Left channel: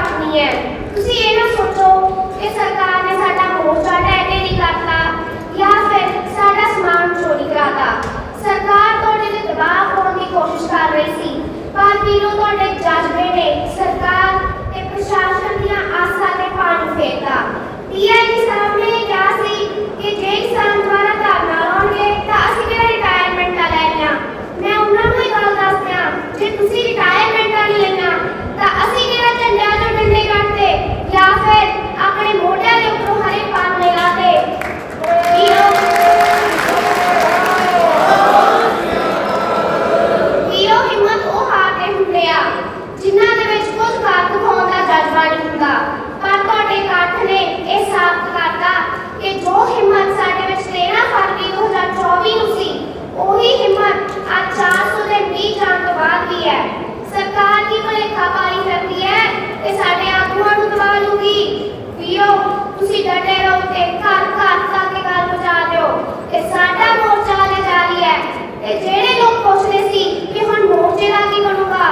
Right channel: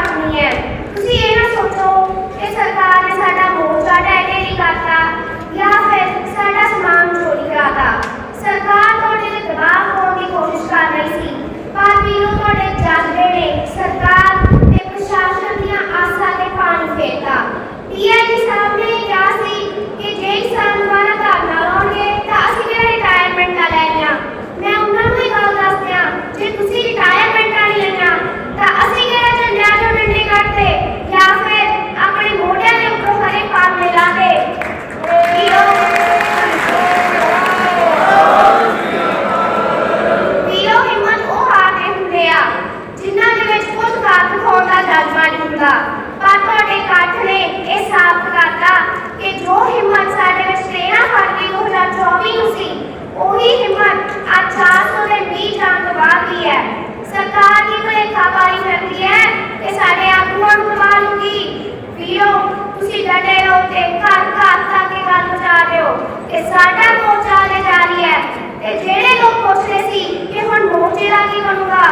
ਘੱਟ ਨਹੀਂ ਹੈ ਤੁਸੀਂ ਇਹ ਨਾ ਸੋਚੋ ਕਿ ਸਰਕਾਰ ਨੇ ਸਾਡਾ ਮੋਰਚਾ ਡੈਡੇ ਨਹੀਂ ਕਰਤਾ ਜਾਂ ਫਿਰ ਸਾਡਾ ਸਮਾਨ ਚੋਰੀ ਕਰਾਤਾ ਸਰਕਾਰ ਤੁਹਾਡੇ ਤੇ ਦਬਾਅ ਪਾਉਣ ਦੀ ਕੋਸ਼ਿਸ਼ ਕਰ ਰਹੀ ਸੀ ਪਰ ਵੀਰੋ ਤੁਹਾਡੇ ਜਜ਼ਬੇ ਨੇ ਤੇ ਸਾਡਾ ਮੋਰਚਾ ਲਗਾ ਰਹੀ ਹੈ ਤੇ ਜਿਹੜੇ ਲੋਕ ਪੁੱਛਦੇ ਸੀ ਕਿ ਹੁਣ ਮੋਰਚੇ ਦਾ ਕੀ ਬਣੂਗਾ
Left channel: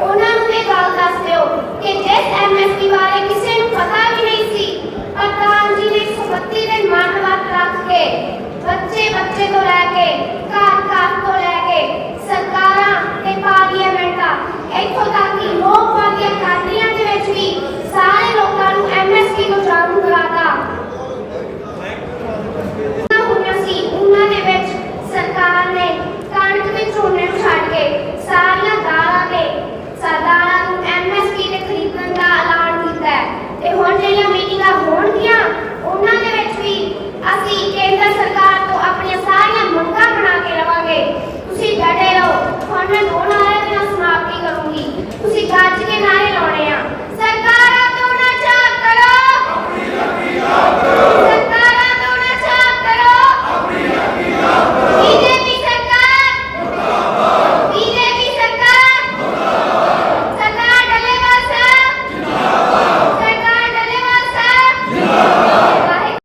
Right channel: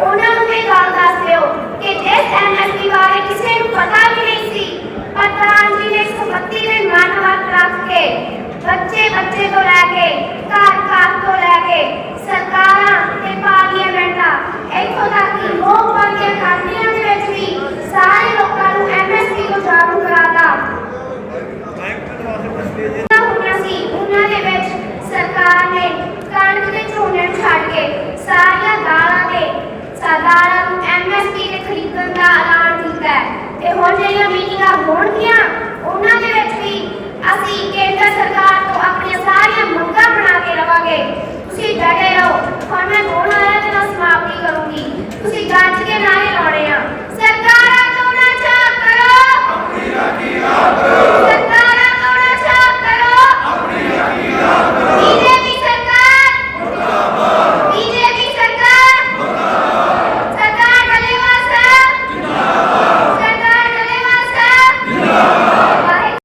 ਉਹਨਾਂ ਨੂੰ ਇਹ ਗੱਲ ਦੱਸ ਦਿਓ ਕਿ ਇਸ ਐਮਐਸਪੀ ਬਾਰੇ ਕਿਸੇ ਨੂੰ ਪਤਾ ਵੀ ਨਹੀਂ ਸੀ ਪਰ ਤਾਂ ਜੀ ਨੇ ਸੰਪਤੀ ਦੇ ਮਾਨਵਾਤ ਰੱਖ ਕੇ ਬੱਚੇ ਬੱਚੇ ਤੋਂ ਲੈ ਕੇ